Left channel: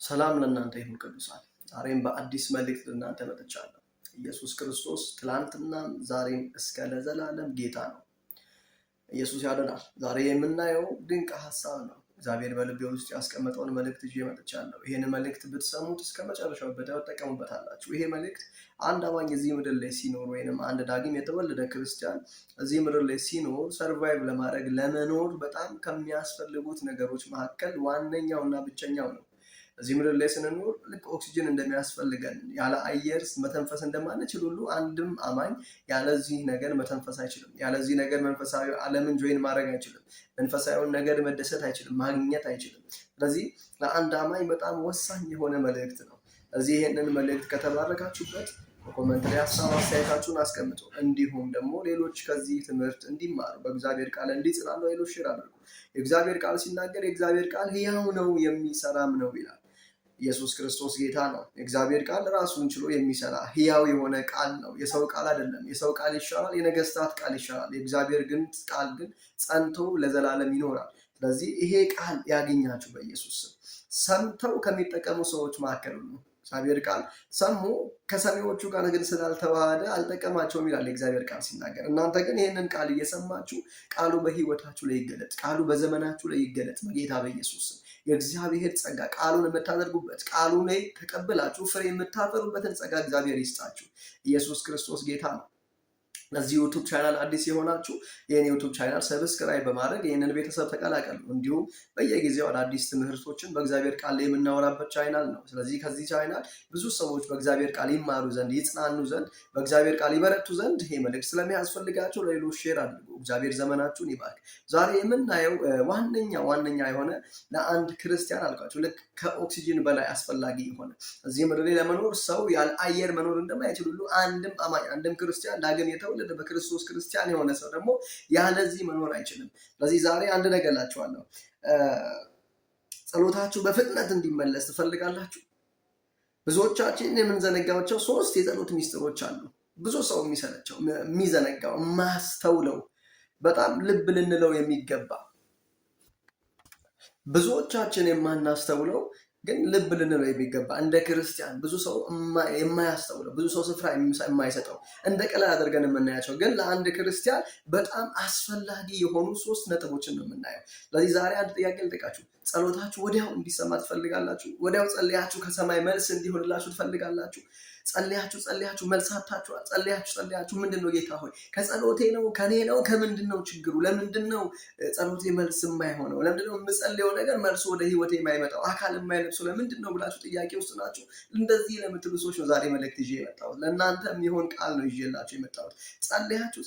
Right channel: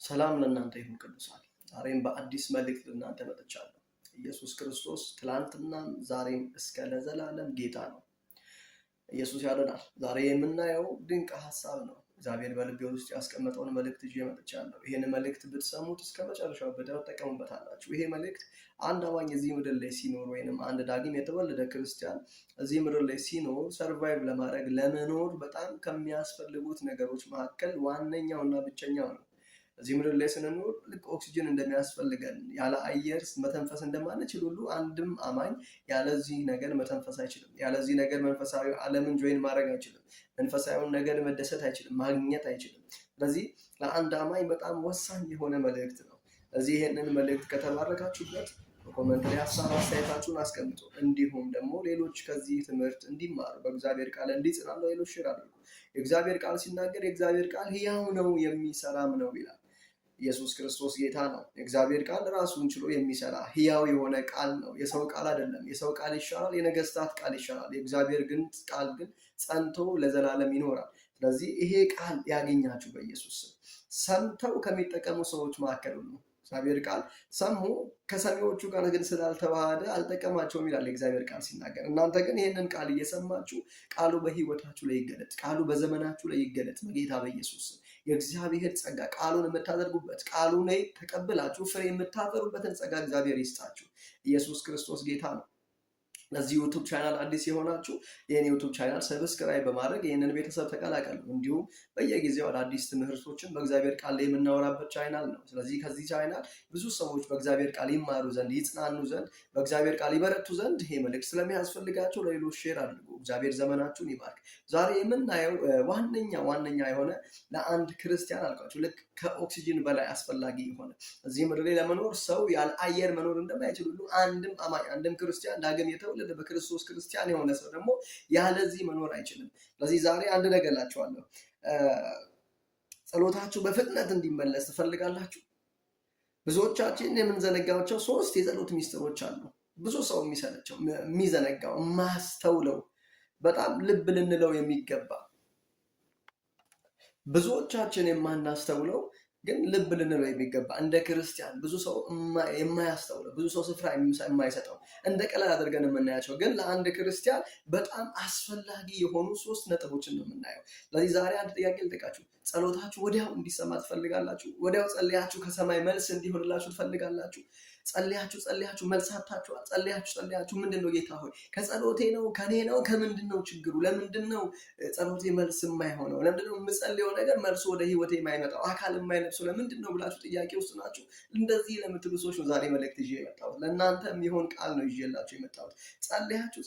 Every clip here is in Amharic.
ሰላም ለእናንተ ይሁን ቅዱሳን። ዛሬም በአዲስ መልእክት ለእናንተ መጥቻለሁ። ኢየሱስ ክርስቶስ ትላንትናም ዛሬም እስከ ለዘላለም ጌታ ነው። ኢየሱስ ያድናል። ዛሬ የምናየው ድንቅ ሐሳብ ነው። እግዚአብሔር በልቤ ውስጥ ያስቀመጠውን መልእክት ይዤ መጥቻለሁ። ይሄን መልእክት ብትሰሙት እስከ መጨረሻው ትጠቀሙበታላችሁ። ይሄ መልእክት አንድ አማኝ እዚህ ምድር ላይ ሲኖር ወይንም አንድ ዳግም የተወለደ ክርስቲያን እዚህ ምድር ላይ ሲኖር ሰርቫይቭ ለማድረግ ለመኖር በጣም ከሚያስፈልጉት ነገሮች መካከል ዋነኛውና ብቸኛው ነው። እዚህ ምድር ላይ ስንኖር ልክ ኦክሲጅን እንደሚያስፈልገን ያለ አየር መተንፈስ እንደማንችል ሁሉ አንድም አማኝ ያለዚህ ነገር መተንፈስ አይችልም። ያለዚህ ነገር መንፈሳዊ ዓለምን ጆይን ማድረግ አይችልም። መንፈሳዊውን ነገር መደሰት አይችልም፣ ማግኘት አይችልም። ስለዚህ ለአንድ አማኝ በጣም ወሳኝ የሆነ መልእክት ነው። እዚህ ይህንን መልእክት ከተባረካችሁበት በኮሜንት ላይ ሀሳብ አስተያየታችሁን አስቀምጡ። እንዲሁም ደግሞ ሌሎች ከዚህ ትምህርት እንዲማሩ በእግዚአብሔር ቃል እንዲጽናኑ ሌሎች ሼር አድርጉ። የእግዚአብሔር ቃል ሲናገር የእግዚአብሔር ቃል ሕያው ነው የሚሰራም ነው ይላል። ኢየሱስ ክርስቶስ ጌታ ነው። የእግዚአብሔር ቃል ራሱን ችሎ የሚሰራ ሕያው የሆነ ቃል ነው። የሰው ቃል አይደለም። የሰው ቃል ይሻላል፣ የነገስታት ቃል ይሻላል። የእግዚአብሔር ቃል ግን ጸንቶ ለዘላለም ይኖራል። ስለዚህ ይሄ ቃል ያገኛችሁ በኢየሱስ ስም። ሰምተው ከሚጠቀሙ ሰዎች መካከል ነው። እግዚአብሔር ቃል ሰሙ፣ ከሰሚዎቹ ጋር ግን ስላልተዋሃደ አልጠቀማቸውም ይላል የእግዚአብሔር ቃል ሲናገር። እናንተ ግን ይህንን ቃል እየሰማችሁ ቃሉ በህይወታችሁ ላይ ይገለጥ፣ ቃሉ በዘመናችሁ ላይ ይገለጥ በጌታ በኢየሱስ ስም። የእግዚአብሔር ጸጋ ቃሉን የምታደርጉበት ቃሉን ላይ ተቀብላችሁ ፍሬ የምታፈሩበትን ጸጋ እግዚአብሔር ይስጣችሁ። ኢየሱስ ክርስቶስ ጌታ ነው። ለዚህ ዩቲዩብ ቻናል አዲስ የሆናችሁ ይህን ዩቲዩብ ቻናል ሰብስክራይብ በማድረግ ይህንን ቤተሰብ ተቀላቀሉ። እንዲሁም በየጊዜው አዳዲስ ትምህርቶችን በእግዚአብሔር ቃል ላይ የምናወራበት ቻናል ነው። ስለዚህ ከዚህ ቻናል ብዙ ሰዎች በእግዚአብሔር ቃል ይማሩ ዘንድ፣ ይጽናኑ ዘንድ፣ በእግዚአብሔር ቃል ይበረቱ ዘንድ ይሄ መልእክት ስለሚያስፈልጋቸው ለሌሎች ሼር አድርጉ። እግዚአብሔር ዘመናችሁን ይባርክ። ዛሬ የምናየው ዋነኛ የሆነ ለአንድ ክርስቲያን አልኳቸው ልክ ከኦክሲጅን በላይ አስፈላጊ የሆነ እዚህ ምድር ላይ ለመኖር ሰው ያለ አየር መኖር እንደማይችል ሁሉ አንድም አማኝ አንድም ክርስቲያን ዳግም የተወለደ በክርስቶስ ክርስቲያን የሆነ ሰው ደግሞ ያለዚህ መኖር አይችልም። ስለዚህ ዛሬ አንድ ነገር እላችኋለሁ። ጸሎታችሁ በፍጥነት እንዲመለስ ትፈልጋላችሁ? ብዙዎቻችን የምንዘነጋቸው 3 የጸሎት ሚስጥሮች አሉ። ብዙ ሰው የሚሰለቸው የሚዘነጋው ማስተውለው በጣም ልብ ልንለው የሚገባ ብዙዎቻችን የማናስተውለው ግን ልብ ልንለው የሚገባ እንደ ክርስቲያን ብዙ ሰው የማያስተውለው ብዙ ሰው ስፍራ የማይሰጠው እንደ ቀላል አድርገን የምናያቸው ግን ለአንድ ክርስቲያን በጣም አስፈላጊ የሆኑ 3 ነጥቦችን ነው የምናየው። ስለዚህ ዛሬ አንድ ጥያቄ ልጠይቃችሁ። ጸሎታችሁ ወዲያው እንዲሰማ ትፈልጋላችሁ? ወዲያው ጸልያችሁ ከሰማይ መልስ እንዲሆንላችሁ ትፈልጋላችሁ? ጸልያችሁ መልሳታችኋል? ጸልያችሁ ምንድነው ጌታ ሆይ ከጸሎቴ ነው ከኔ ነው ከምንድን ነው ችግሩ? ለምንድን ነው ጸሎቴ መልስ የማይሆነው? ለምንድን ነው የምጸልየው ነገር መልስ ወደ ህይወቴ የማይመጣው አካል የማይለብሰው? ለምንድን ነው ብላችሁ ጥያቄ ውስጥ ናችሁ። እንደዚህ ለምትሉ ሰዎች ነው ዛሬ መልእክት ይዤ የመጣሁት። ለእናንተ የሚሆን ቃል ነው ይዤላችሁ የመጣሁት።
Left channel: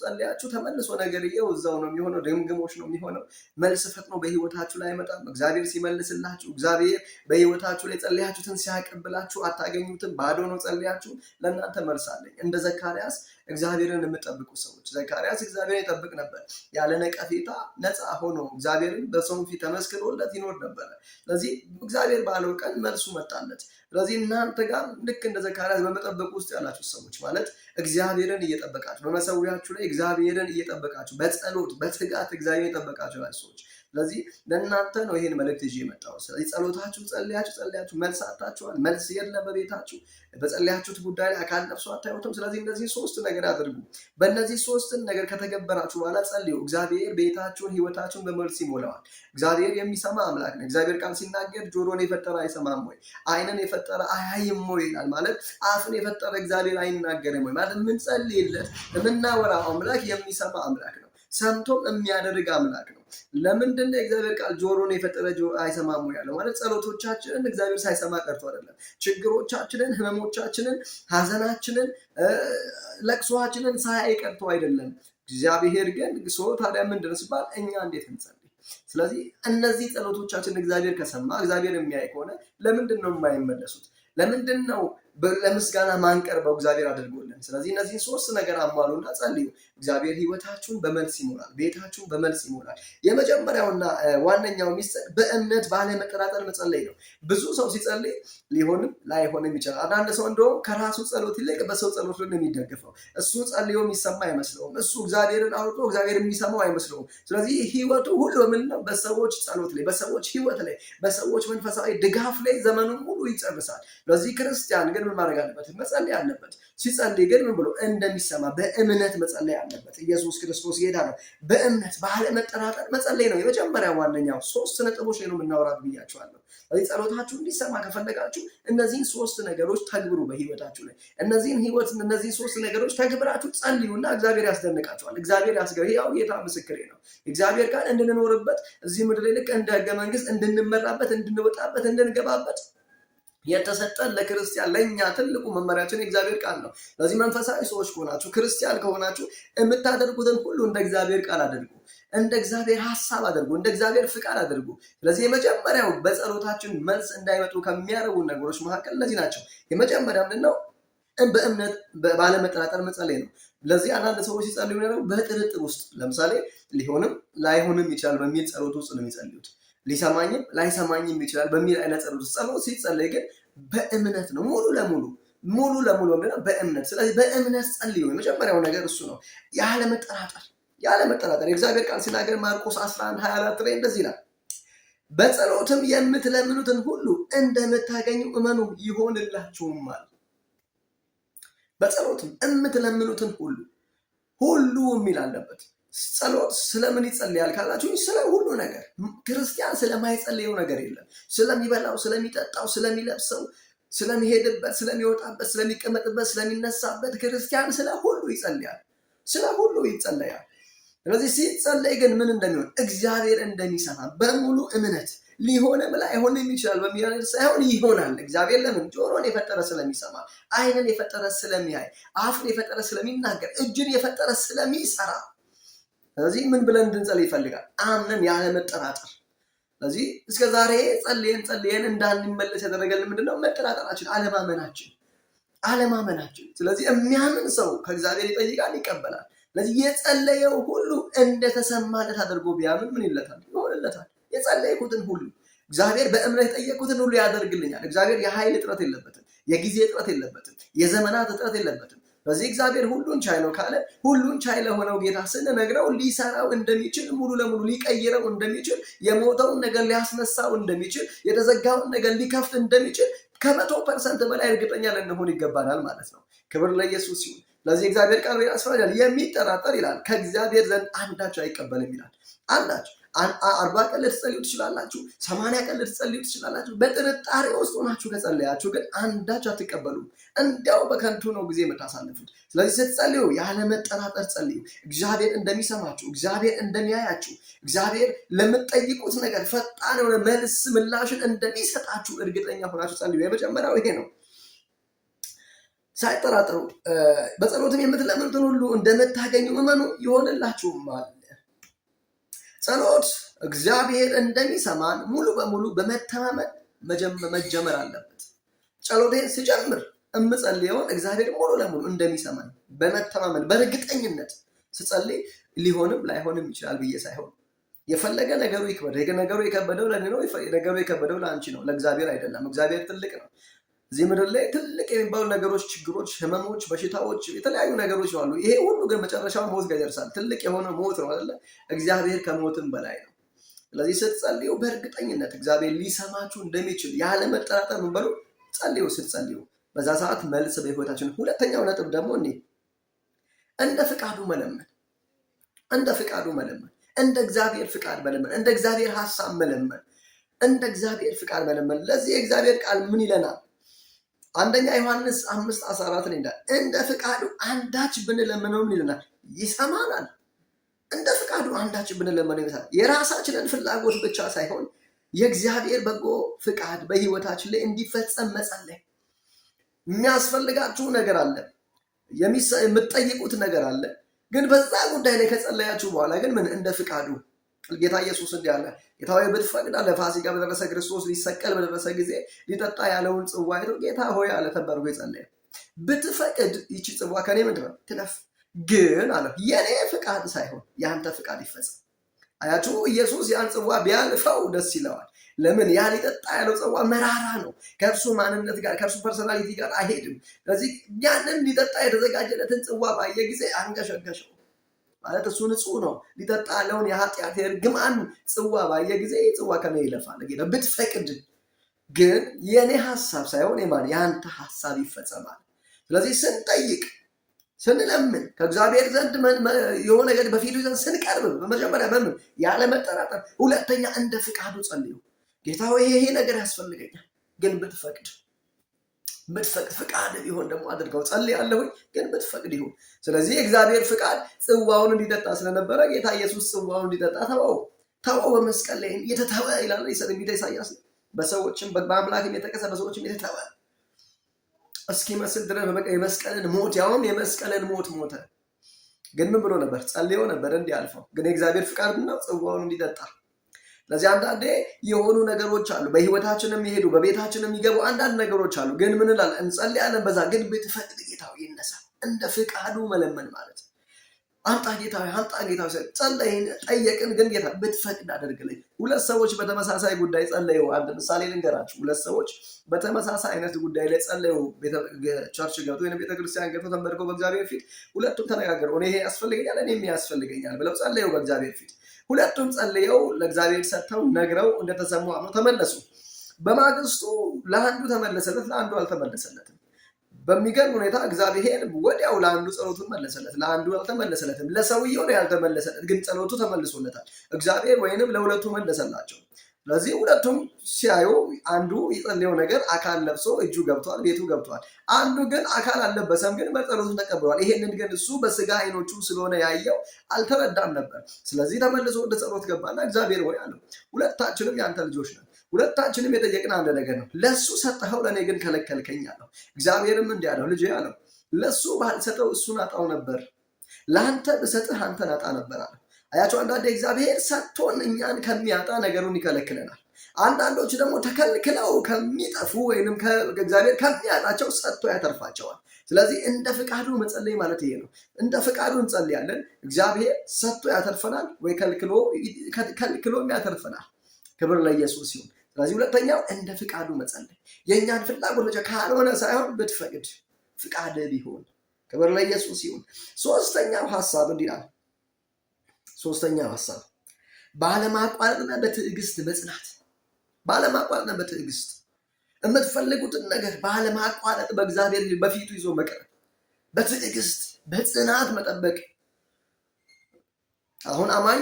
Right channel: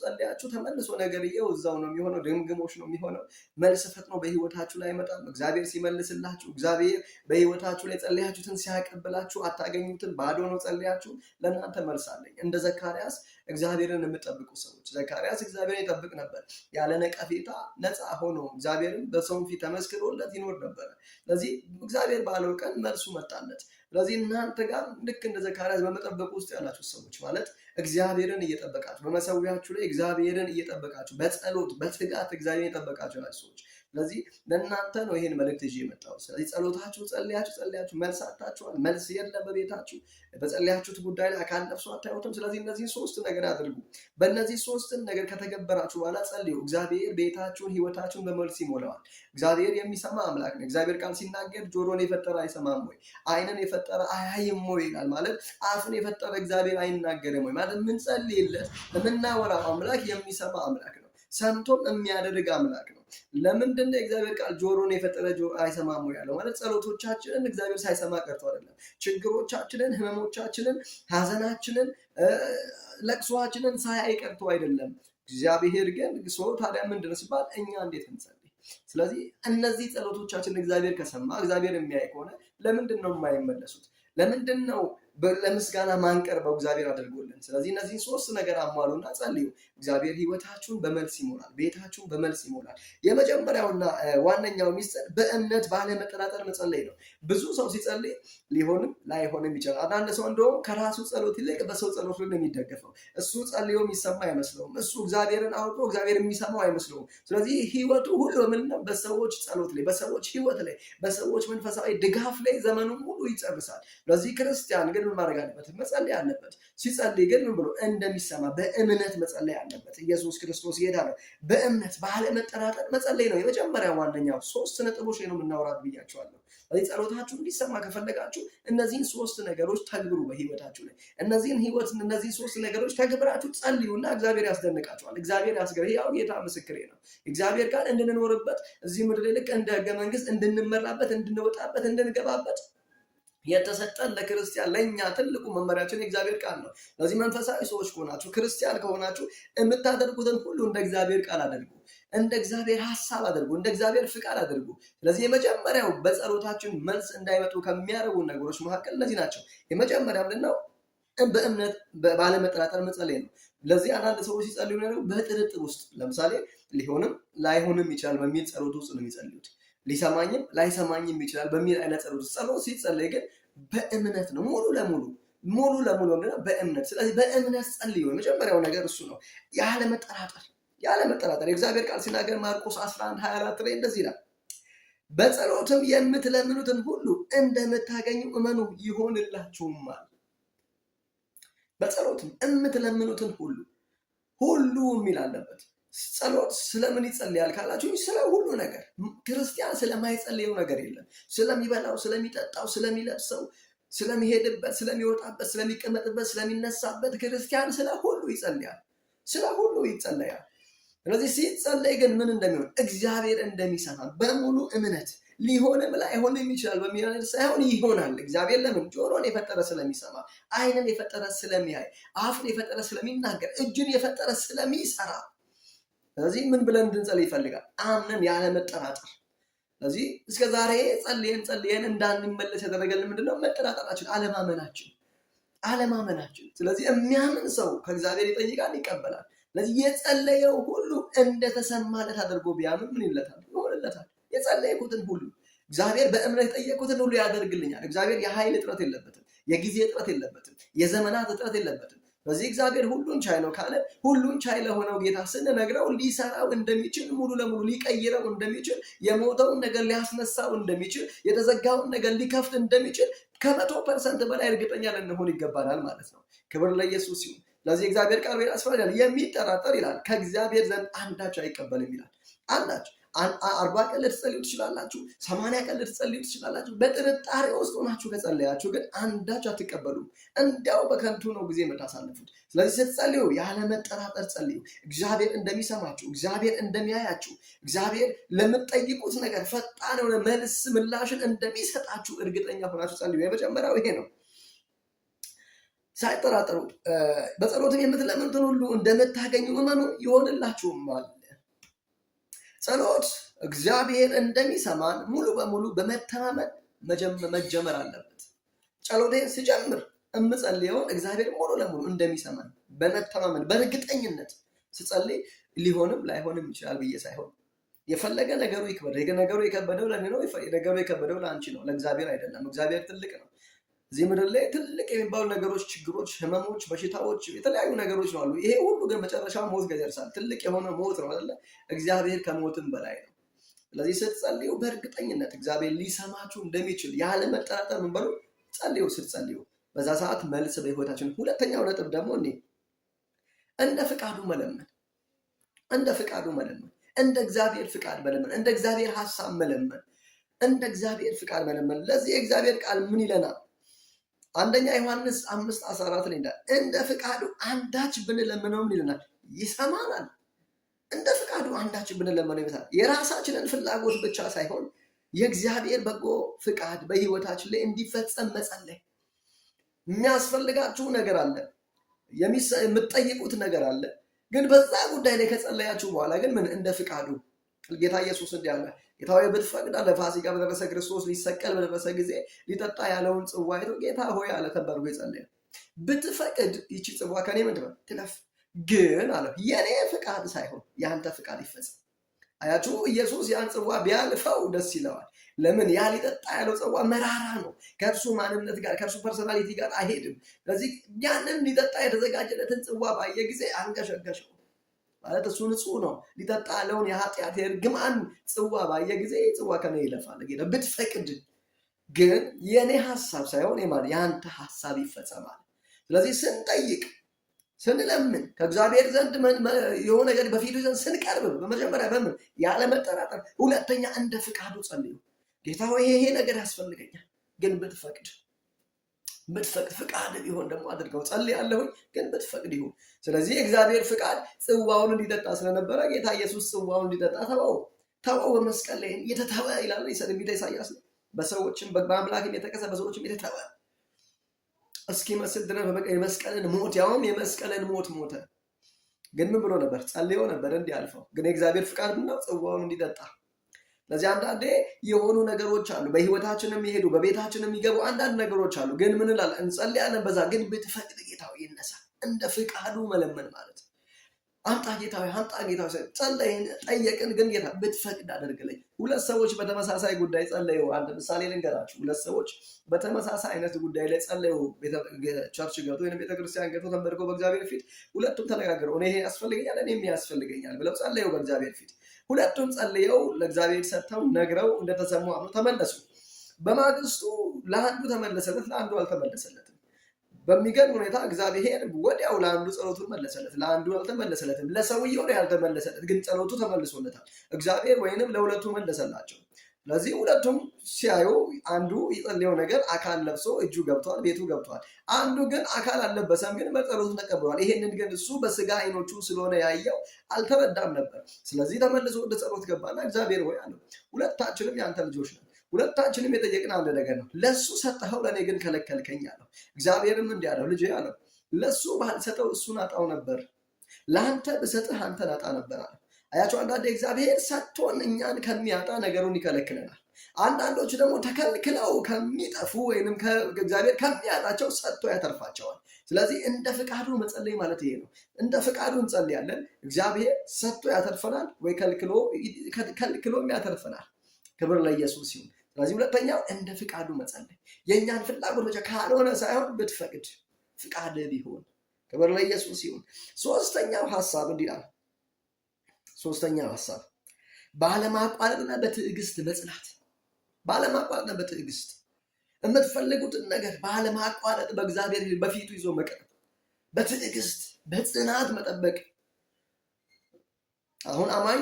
ጸልያችሁ ተመልሶ ነገርየው እዛው ነው የሚሆነው፣ ድግግሞሽ ነው የሚሆነው። መልስ ፈጥኖ በህይወታችሁ ላይ አይመጣም። እግዚአብሔር ሲመልስላችሁ፣ እግዚአብሔር በህይወታችሁ ላይ ጸልያችሁትን ሲያቀብላችሁ አታገኙትም። ባዶ ነው ጸልያችሁ። ለእናንተ መልስ አለኝ። እንደ ዘካርያስ እግዚአብሔርን የምጠብቁ ሰዎች፣ ዘካርያስ እግዚአብሔርን ይጠብቅ ነበር። ያለ ነቀፌታ ነፃ ሆኖ እግዚአብሔርን በሰው ፊት ተመስክሮለት ይኖር ነበር። ስለዚህ እግዚአብሔር ባለው ቀን መልሱ መጣለት። ስለዚህ እናንተ ጋር ልክ እንደ ዘካርያስ በመጠበቅ ውስጥ ያላችሁ ሰዎች ማለት እግዚአብሔርን እየጠበቃችሁ በመሰዊያችሁ ላይ እግዚአብሔርን እየጠበቃችሁ በጸሎት በትጋት እግዚአብሔርን እየጠበቃችሁ ያላችሁ ሰዎች፣ ስለዚህ ለእናንተ ነው ይሄን መልእክት ይዤ የመጣሁት። ስለዚህ ጸሎታችሁ ጸልያችሁ መልስ አጣችኋል። መልስ የለም በቤታችሁ። በጸልያችሁት ጉዳይ ላይ አካል ነፍሱ አታዩትም። ስለዚህ እነዚህ 3 ነገር አድርጉ። በእነዚህ 3 ነገር ከተገበራችሁ በኋላ ጸልዩ። እግዚአብሔር ቤታችሁን ህይወታችሁን በመልስ ይሞላዋል። እግዚአብሔር የሚሰማ አምላክ ነው። እግዚአብሔር ቃል ሲናገር ጆሮን የፈጠረ አይሰማም ወይ? ዓይንን የፈጠረ አያይም ወይ ይላል። ማለት አፍን የፈጠረ እግዚአብሔር አይናገርም ወይ? ማለት የምንጸልይለት የምናወራው አምላክ የሚሰማ አምላክ ነው። ሰምቶም የሚያደርግ አምላክ ነው። ለምንድን ነው የእግዚአብሔር ቃል ጆሮን የፈጠረ ጆሮ አይሰማም ያለው? ማለት ጸሎቶቻችንን እግዚአብሔር ሳይሰማ ቀርቶ አይደለም። ችግሮቻችንን፣ ህመሞቻችንን፣ ሀዘናችንን፣ ለቅሶአችንን ሳያይ ቀርቶ አይደለም። እግዚአብሔር ግን ታዲያ ምንድን ነው ሲባል እኛ እንዴት እንጸልይ? ስለዚህ እነዚህ ጸሎቶቻችን እግዚአብሔር ከሰማ እግዚአብሔር የሚያይ ከሆነ ለምንድን ነው የማይመለሱት? ለምንድን ነው ለምስጋና ማንቀርበው? እግዚአብሔር አድርጎልን ያድርግልን። ስለዚህ እነዚህን ሶስት ነገር አሟሉና ጸልዩ። እግዚአብሔር ህይወታችሁን በመልስ ይሞላል፣ ቤታችሁን በመልስ ይሞላል። የመጀመሪያውና ዋነኛው ሚስጥር በእምነት ባለመጠራጠር መጸለይ ነው። ብዙ ሰው ሲጸልይ ሊሆንም ላይሆንም ይችላል። አንዳንድ ሰው እንደውም ከራሱ ጸሎት ይልቅ በሰው ጸሎት ነው የሚደገፈው። እሱ ጸልዮ የሚሰማ አይመስለውም። እሱ እግዚአብሔርን አውርቶ እግዚአብሔር የሚሰማው አይመስለውም። ስለዚህ ህይወቱ ሁሉ ምንድነው? በሰዎች ጸሎት ላይ፣ በሰዎች ህይወት ላይ፣ በሰዎች መንፈሳዊ ድጋፍ ላይ ዘመኑን ሁሉ ይጨርሳል። ስለዚህ ክርስቲያን ግን ምን ማድረግ አለበት? መጸለይ አለበት። ሲጸልይ ግን ምን ብሎ እንደሚሰማ በእምነት መጸለይ አለበት። ኢየሱስ ክርስቶስ ጌታ ነው። በእምነት ባለመጠራጠር መጸለይ ነው የመጀመሪያው ዋነኛው። 3 ነጥቦች ላይ ነው የምናወራት ብያቸዋለሁ። ስለዚህ ጸሎታችሁ እንዲሰማ ከፈለጋችሁ እነዚህን 3 ነገሮች ተግብሩ በህይወታችሁ ላይ። እነዚህን 3 ነገሮች ተግብራችሁ ጸልዩና እግዚአብሔር ያስደንቃችኋል። እግዚአብሔር ያስገርም። ያው ጌታ ምስክሬ ነው። እግዚአብሔር ቃል እንድንኖርበት እዚህ ምድር ላይ ልክ እንደ ህገ መንግስት እንድንመራበት፣ እንድንወጣበት፣ እንድንገባበት የተሰጠን ለክርስቲያን ለኛ ትልቁ መመሪያችን የእግዚአብሔር ቃል ነው። ለዚህ መንፈሳዊ ሰዎች ከሆናችሁ ክርስቲያን ከሆናችሁ የምታደርጉትን ሁሉ እንደ እግዚአብሔር ቃል አድርጉ፣ እንደ እግዚአብሔር ሐሳብ አድርጉ፣ እንደ እግዚአብሔር ፍቃድ አድርጉ። ስለዚህ የመጀመሪያው በጸሎታችን መልስ እንዳይመጡ ከሚያደርጉ ነገሮች መካከል እነዚህ ናቸው። የመጀመሪያው ምንድነው? በእምነት ባለመጠራጠር መጸለይ ነው። ለዚህ አንዳንድ ሰዎች ሲጸልዩ ነው በጥርጥር ውስጥ፣ ለምሳሌ ሊሆንም ላይሆንም ይችላል በሚል ጸሎት ውስጥ ነው የሚጸልዩት። ሊሰማኝም ላይሰማኝም ይችላል በሚል አይነት ጸሎት ሲጸለይ ግን በእምነት ነው። ሙሉ ለሙሉ ምንድነው? በእምነት። ስለዚህ በእምነት ጸልዩ። የመጀመሪያው ነገር እሱ ነው። ያለመጠራጠር የእግዚአብሔር ቃል ሲናገር ማርቆስ 11:24 ላይ እንደዚህ ይላል፣ በጸሎትም የምትለምኑትን ሁሉ እንደምታገኙ እመኑ ይሆንላችሁማል። በጸሎትም የምትለምኑትን ሁሉ የሚል አለበት። ጸሎት ስለምን ይጸልያል ካላችሁ ስለ ሁሉ ነገር። ክርስቲያን ስለማይጸልየው ነገር የለም። ስለሚበላው፣ ስለሚጠጣው፣ ስለሚለብሰው፣ ስለሚሄድበት፣ ስለሚወጣበት፣ ስለሚቀመጥበት፣ ስለሚነሳበት ክርስቲያን ስለ ሁሉ ይጸልያል። ስለዚህ ሲጸለይ ግን ምን እንደሚሆን እግዚአብሔር እንደሚሰማ በሙሉ እምነት ሊሆንም ላይሆንም ይችላል በሚል ሳይሆን ይሆናል። እግዚአብሔር ለምን? ጆሮን የፈጠረ ስለሚሰማ፣ ዓይንን የፈጠረ ስለሚያይ፣ አፍን የፈጠረ ስለሚናገር፣ እጅን የፈጠረ ስለሚሰራ። ስለዚህ ምን ብለን እንድንጸልይ ይፈልጋል? አምነን ያለመጠራጠር። ስለዚህ እስከ ዛሬ ጸልየን እንዳንመለስ ያደረገልን ምንድነው? መጠራጠራችን፣ አለማመናችን። ስለዚህ የሚያምን ሰው ከእግዚአብሔር ይጠይቃል፣ ይቀበላል። ስለዚህ የጸለየው ሁሉ እንደተሰማለት አድርጎ ቢያምን ምን ይለታል? ይሆንለታል። የጸለይኩትን ሁሉ እግዚአብሔር በእምነት የጠየቁትን ሁሉ ያደርግልኛል። እግዚአብሔር የኃይል እጥረት የለበትም፣ የጊዜ እጥረት የለበትም፣ የዘመናት እጥረት የለበትም። በዚህ እግዚአብሔር ሁሉን ቻይ ነው ካለ ሁሉን ቻይ ለሆነው ጌታ ስንነግረው ሊሰራው እንደሚችል፣ ሙሉ ለሙሉ ሊቀይረው እንደሚችል፣ የሞተውን ነገር ሊያስነሳው እንደሚችል፣ የተዘጋውን ነገር ሊከፍት እንደሚችል ከ100% በላይ እርግጠኛ ልንሆን ይገባናል ማለት ነው። ክብር ለኢየሱስ ይሁን። ለዚህ እግዚአብሔር ቃል ያስፈራል። የሚጠራጠር ይላል ከእግዚአብሔር ዘንድ አንዳች አይቀበልም ይላል። አንዳች 40 ቀን ልትጸልዩ ትችላላችሁ፣ 80 ቀን ልትጸልዩ ትችላላችሁ። በጥርጣሬ ውስጥ ሆናችሁ ከጸለያችሁ ግን አንዳች አትቀበሉም። እንዲያው በከንቱ ነው ጊዜ የምታሳልፉት። ስለዚህ ስትጸልዩ ያለመጠራጠር ጸልዩ። እግዚአብሔር እንደሚሰማችሁ፣ እግዚአብሔር እንደሚያያችሁ፣ እግዚአብሔር ለምትጠይቁት ነገር ፈጣን የሆነ መልስ ምላሽን እንደሚሰጣችሁ እርግጠኛ ሆናችሁ ጸልዩ። የመጀመሪያው ይሄ ነው። ሳይጠራጠሩ በጸሎትም የምትለምኑትን ሁሉ እንደምታገኙ እመኑ ይሆንላችሁማል። ጸሎት እግዚአብሔር እንደሚሰማን ሙሉ በሙሉ በመተማመን መጀመር አለበት። ጸሎቴን ስጀምር እምጸልየውን እግዚአብሔር ሙሉ ለሙሉ እንደሚሰማን በመተማመን በእርግጠኝነት ስጸልይ ሊሆንም ላይሆንም ይችላል ብዬ ሳይሆን የፈለገ ነገሩ ይክበድ፣ ነገሩ የከበደው ለኔ ነው፣ ነገሩ የከበደው ለአንቺ ነው፣ ለእግዚአብሔር አይደለም። እግዚአብሔር ትልቅ ነው። እዚህ ምድር ላይ ትልቅ የሚባሉ ነገሮች፣ ችግሮች፣ ህመሞች፣ በሽታዎች፣ የተለያዩ ነገሮች አሉ። ይሄ ሁሉ ግን መጨረሻው ሞት ጋር ይደርሳል። ትልቅ የሆነ ሞት ነው አይደለ? እግዚአብሔር ከሞትም በላይ ነው። ስለዚህ ስትጸልዩ በእርግጠኝነት እግዚአብሔር ሊሰማችሁ እንደሚችል ያለ መጠራጠር ምን በሉ ጸልዩ። ስትጸልዩ በዛ ሰዓት መልስ በህይወታችን። ሁለተኛው ነጥብ ደግሞ እንደ ፍቃዱ መለመን፣ እንደ እግዚአብሔር ፍቃድ መለመን፣ እንደ እግዚአብሔር ሐሳብ መለመን፣ እንደ እግዚአብሔር ፍቃድ መለመን። ለዚህ የእግዚአብሔር ቃል ምን ይለናል? አንደኛ ዮሐንስ 5:14 ላይ እንደ ፍቃዱ አንዳች ብንለምነው ምን ይለናል? ይሰማናል። እንደ ፍቃዱ አንዳች ብንለምነው ይሰማናል። የራሳችንን ፍላጎት ብቻ ሳይሆን የእግዚአብሔር በጎ ፍቃድ በህይወታችን ላይ እንዲፈጸም መጸለይ። የሚያስፈልጋችሁ ነገር አለ፣ የምትጠይቁት ነገር አለ። ግን በዛ ጉዳይ ላይ ከጸለያችሁ በኋላ ግን ምን እንደ ፍቃዱ ጌታ ኢየሱስ እንዲህ አለ፣ ጌታ ሆይ ብትፈቅድ አለ። ፋሲካ በደረሰ ክርስቶስ ሊሰቀል በደረሰ ጊዜ ሊጠጣ ያለውን ጽዋ አይቶ ጌታ ሆይ አለ ተባርጎ የጸለየ። ብትፈቅድ ይቺ ጽዋ ከኔ ምንድነው ትለፍ፣ ግን አለው የኔ ፍቃድ ሳይሆን ያንተ ፍቃድ ይፈጸም። አያችሁ ኢየሱስ ያን ጽዋ ቢያልፈው ደስ ይለዋል። ለምን? ያ ሊጠጣ ያለው ጽዋ መራራ ነው። ከእርሱ ማንነት ጋር ከእርሱ ፐርሶናሊቲ ጋር አይሄድም። ስለዚህ ያንን ሊጠጣ የተዘጋጀለትን ጽዋ ባየ ጊዜ አንገሸገሸው። ማለት እሱ ንጹህ ነው። ሊጠጣ ያለውን የኃጢአት የርግማን ጽዋ ባየ ጊዜ ጽዋ ከኔ ይለፋል ጌታ ብትፈቅድ፣ ግን የኔ ሐሳብ ሳይሆን ያንተ ሐሳብ ይፈጸማል። ስለዚህ ስንጠይቅ ስንለምን ከእግዚአብሔር ዘንድ የሆነ ነገር በፊቱ ዘንድ ስንቀርብ በመጀመሪያ በምን ያለ መጠራጠር፣ ሁለተኛ እንደ ፍቃዱ ጸልዩ። ጌታ ሆይ ይሄ ነገር ያስፈልገኛል፣ ግን ብትፈቅድ ፍቃድ ቢሆን ደግሞ አድርገው ጸልያለሁ፣ ግን ብትፈቅድ ይሁን። ስለዚህ የእግዚአብሔር ፍቃድ ጽዋውን እንዲጠጣ ስለነበረ ጌታ ኢየሱስ ጽዋውን እንዲጠጣ ተወው በመስቀል ላይ የተተወ ይላል ኢሳይያስ። በሰዎችም በአምላክም የተከሰ በሰዎችም የተተወ እስኪመስል ድረስ የመስቀልን ሞት ያውም የመስቀልን ሞት ሞተ። ግን ምን ብሎ ነበር? ጸልዮ ነበር እንዲያልፈው። ግን የእግዚአብሔር ፍቃድ ነው ጽዋውን እንዲጠጣ። ለዚህ አንዳንዴ የሆኑ ነገሮች አሉ በህይወታችን የሚሄዱ በቤታችን የሚገቡ አንዳንድ ነገሮች አሉ። ግን ምን እንላለን? እንጸልያለን። በዛ ግን ብትፈቅድ ጌታው ይነሳ፣ እንደ ፍቃዱ መለመን ማለት አንጣ ጌታ ጸለይን፣ ጠየቅን፣ ግን ጌታ ብትፈቅድ አድርግልኝ። ሁለት ሰዎች በተመሳሳይ ጉዳይ ጸለዩ። አንድ ምሳሌ ልንገራችሁ። ሁለት ሰዎች በተመሳሳይ አይነት ጉዳይ ላይ ጸለዩ። ቸርች ገብቶ ወይ ቤተክርስቲያን ገብቶ ተንበርከው በእግዚአብሔር ፊት ሁለቱም ተነጋገሩ። እኔ ይሄ ያስፈልገኛል፣ እኔ ያስፈልገኛል ብለው ጸለዩ በእግዚአብሔር ፊት። ሁለቱም ጸልየው ለእግዚአብሔር ሰጥተው ነግረው እንደተሰሙ አምነው ተመለሱ። በማግስቱ ለአንዱ ተመለሰለት፣ ለአንዱ አልተመለሰለትም። በሚገርም ሁኔታ እግዚአብሔር ወዲያው ለአንዱ ጸሎቱን መለሰለት፣ ለአንዱ አልተመለሰለትም። ለሰውየው ነው ያልተመለሰለት፣ ግን ጸሎቱ ተመልሶለታል። እግዚአብሔር ወይንም ለሁለቱ መለሰላቸው። ስለዚህ ሁለቱም ሲያዩ አንዱ የጸለየው ነገር አካል ለብሶ እጁ ገብቷል፣ ቤቱ ገብቷል። አንዱ ግን አካል አልለበሰም፣ ግን በጸሎቱን ተቀብሏል። ይሄንን ግን እሱ በስጋ አይኖቹ ስለሆነ ያየው አልተረዳም ነበር። ስለዚህ ተመልሶ ወደ ጸሎት ገባና እግዚአብሔር ወይ አለው፣ ሁለታችንም ያንተ ልጆች ነን፣ ሁለታችንም የጠየቅን አንድ ነገር ነው። ለሱ ሰጠኸው፣ ለእኔ ግን ከለከልከኝ አለው። እግዚአብሔርም እንዲህ አለው፣ ልጄ አለው፣ ለሱ ባልሰጠው እሱን አጣው ነበር፣ ለአንተ ብሰጥህ አንተን አጣ ነበር አለው። አያቸው አንዳንድ እግዚአብሔር ሰጥቶን እኛን ከሚያጣ ነገሩን ይከለክለናል። አንዳንዶች ደግሞ ተከልክለው ከሚጠፉ ወይንም እግዚአብሔር ከሚያጣቸው ሰጥቶ ያተርፋቸዋል። ስለዚህ እንደ ፍቃዱ መጸለይ ማለት ይሄ ነው። እንደ ፍቃዱ እንጸልያለን። እግዚአብሔር ሰጥቶ ያተርፈናል ወይ ከልክሎም ያተርፈናል። ክብር ለኢየሱስ ይሁን። ስለዚህ ሁለተኛው እንደ ፍቃዱ መጸለይ፣ የእኛን ፍላጎት ብቻ ካልሆነ ሳይሆን ብትፈቅድ ፍቃድ ቢሆን። ክብር ለኢየሱስ ይሁን። ሶስተኛው ሐሳብ እንዲህ ነው። ሶስተኛው ሐሳብ ባለማቋረጥና በትዕግስት መጽናት። ባለማቋረጥና በትዕግስት የምትፈልጉትን ነገር ባለማቋረጥ በእግዚአብሔር በፊቱ ይዞ መቅረብ፣ በትዕግስት በጽናት መጠበቅ። አሁን አማኝ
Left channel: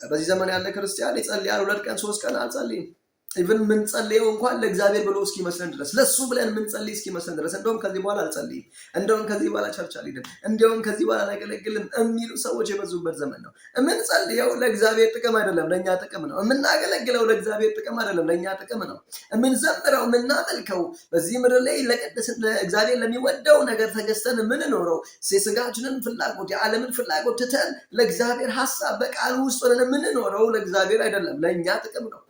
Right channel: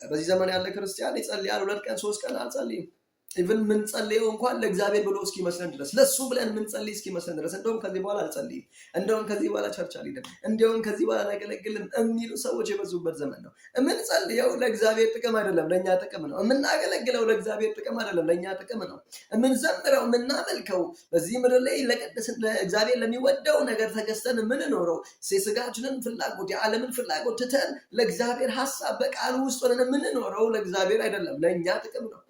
በዚህ ዘመን ያለ ክርስቲያን ይጸልያል፣ 2 ቀን 3 ቀን አልጸልይም። ኢቭን ምን ጸልየው እንኳን ለእግዚአብሔር ብሎ እስኪመስለን ድረስ ለሱ ብለን ምን ጸልይ እስኪመስለን ድረስ እንደውም ከዚህ በኋላ አልጸልይም፣ እንደውም ከዚህ በኋላ ቸርች አልሄድም፣ እንደውም ከዚህ በኋላ አላገለግልም የሚሉ ሰዎች የበዙበት ዘመን ነው። ምን ጸልየው ለእግዚአብሔር ጥቅም አይደለም፣ ለኛ ጥቅም ነው። የምናገለግለው ለእግዚአብሔር ጥቅም አይደለም፣ ለኛ ጥቅም ነው። የምንዘምረው የምናመልከው በዚህ ምድር ላይ ለእግዚአብሔር ለሚወደው ነገር ተገዝተን የምንኖረው የስጋችንን ፍላጎት የዓለምን ፍላጎት ትተን ለእግዚአብሔር ሐሳብ በቃሉ ውስጥ ሆነን የምንኖረው ለእግዚአብሔር አይደለም፣ ለኛ ጥቅም ነው።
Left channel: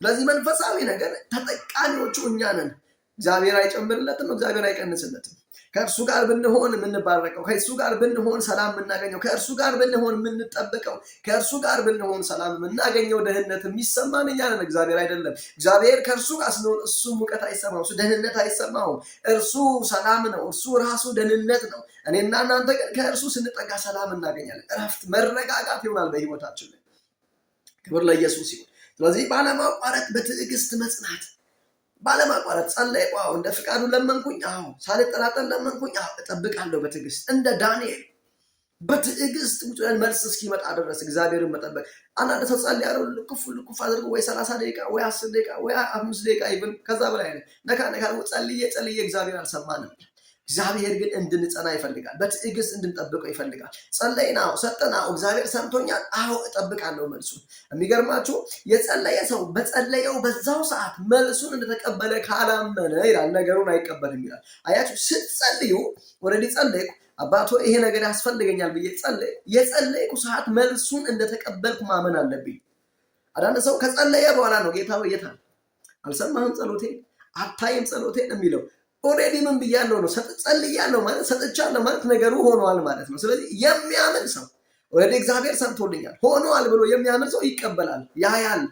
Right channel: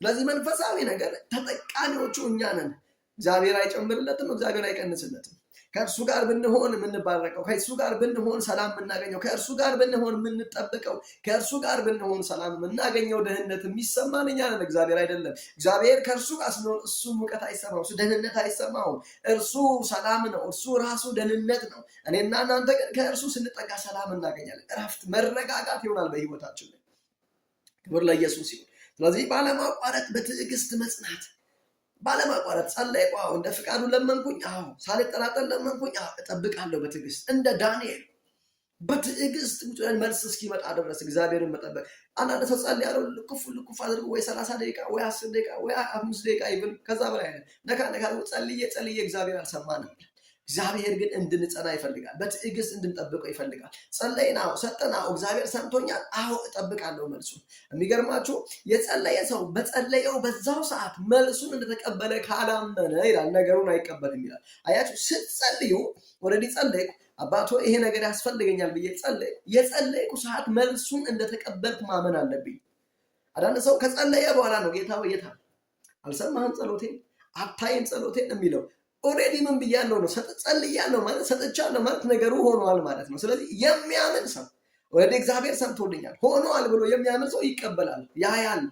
ስለዚህ መንፈሳዊ ነገር ተጠቃሚዎቹ እኛ ነን። እግዚአብሔር አይጨምርለትም፣ እግዚአብሔር አይቀንስለትም። ከእርሱ ጋር ብንሆን የምንባረከው፣ ከእርሱ ጋር ብንሆን ሰላም የምናገኘው፣ ከእርሱ ጋር ብንሆን የምንጠብቀው፣ ከእርሱ ጋር ብንሆን ሰላም የምናገኘው፣ ደህንነት የሚሰማን እኛ ነን፣ እግዚአብሔር አይደለም። እግዚአብሔር ከእርሱ ጋር ስንሆን እሱ ሙቀት አይሰማው፣ እሱ ደህንነት አይሰማውም። እርሱ ሰላም ነው፣ እርሱ ራሱ ደህንነት ነው። እኔና እናንተ ግን ከእርሱ ስንጠጋ ሰላም እናገኛለን፣ እረፍት፣ መረጋጋት ይሆናል በህይወታችን። ክብር ለኢየሱስ ይሁን። ስለዚህ ባለማቋረጥ በትዕግስት መጽናት፣ ባለማቋረጥ ጸለይኩ፣ እንደ ፍቃዱ ለመንኩኝ፣ ሳልጠራጠር ለመንኩኝ፣ እጠብቃለሁ በትዕግስት እንደ ዳንኤል በትዕግስት መልስ እስኪመጣ ድረስ እግዚአብሔርን መጠበቅ። አንዳንድ ሰው ጸልያለሁ ልኩፍ አድርጎ ወይ 30 ደቂቃ ወይ 10 ደቂቃ ወይ 5 ደቂቃ ይብን ከዛ በላይ ነካ ጸልዬ እግዚአብሔር አልሰማንም። እግዚአብሔር ግን እንድንጸና ይፈልጋል፣ በትዕግስት እንድንጠብቀው ይፈልጋል። ጸለይና ሰጠና እግዚአብሔር ሰምቶኛል፣ እጠብቃለሁ መልሱን። የሚገርማችሁ የጸለየ ሰው በጸለየው በዛው ሰዓት መልሱን እንደተቀበለ ካላመነ ይላል ነገሩን አይቀበልም ይላል። አያችሁ፣ ስትጸልዩ ወረዲ ጸለይኩ አባቶ ይሄ ነገር ያስፈልገኛል ብዬ የጸለይኩ ሰዓት መልሱን እንደተቀበልኩ ማመን አለብኝ። አንዳንድ ሰው ከጸለየ በኋላ ነው ጌታ ወይ የታ አልሰማህም ጸሎቴን አታይም ጸሎቴን የሚለው። ኦሬዲ ምን ብያለሁ ነው ጸልያለሁ ማለት ሰጥቻለሁ ማለት ነገሩ ሆኗል ማለት ነው። ስለዚህ የሚያምን ሰው ኦሬዲ እግዚአብሔር ሰምቶልኛል ሆኗል ብሎ የሚያምን ሰው ይቀበላል ያያል።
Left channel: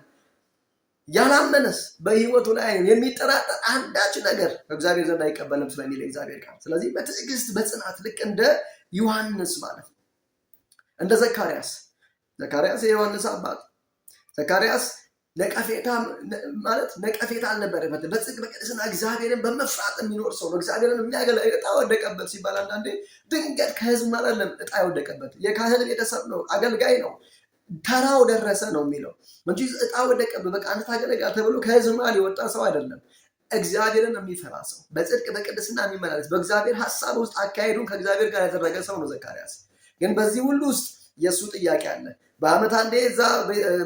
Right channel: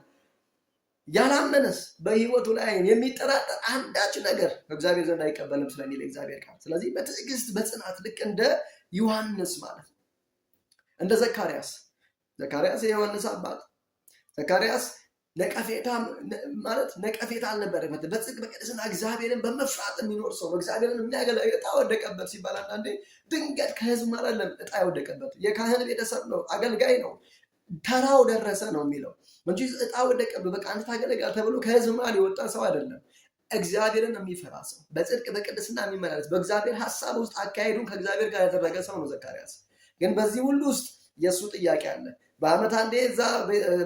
ያላመነስ በህይወቱ ላይ የሚጠራጠር አንዳች ነገር እግዚአብሔር ዘንድ አይቀበልም ስለሚል እግዚአብሔር ቃል። ስለዚህ በትዕግስት በጽናት ልክ እንደ ዮሐንስ ማለት ነው፣ እንደ ዘካርያስ የዮሐንስ አባት ዘካርያስ ነቀፌታ አልነበረበትም። በጽድቅ በቅድስና እግዚአብሔርን በመፍራት የሚኖር ሰው ነው። እግዚአብሔርን የሚያገለግል ዕጣ ወደቀበት ሲባል አንዳንዴ ድንገት ከህዝብ ማለት ዕጣ ወደቀበት የካህን ቤተሰብ ነው፣ አገልጋይ ነው፣ ተራው ደረሰ ነው የሚለው እንጂ ዕጣ ወደቀበት በቃ አንተ ታገለግል ተብሎ ከህዝብ መሃል የወጣ ሰው አይደለም። እግዚአብሔርን የሚፈራ ሰው፣ በጽድቅ በቅድስና የሚመላለስ፣ በእግዚአብሔር ሀሳብ ውስጥ አካሄዱን ከእግዚአብሔር ጋር ያደረገ ሰው ነው ዘካርያስ። ግን በዚህ ሁሉ ውስጥ የእሱ ጥያቄ አለ። በዓመት አንዴ እዛ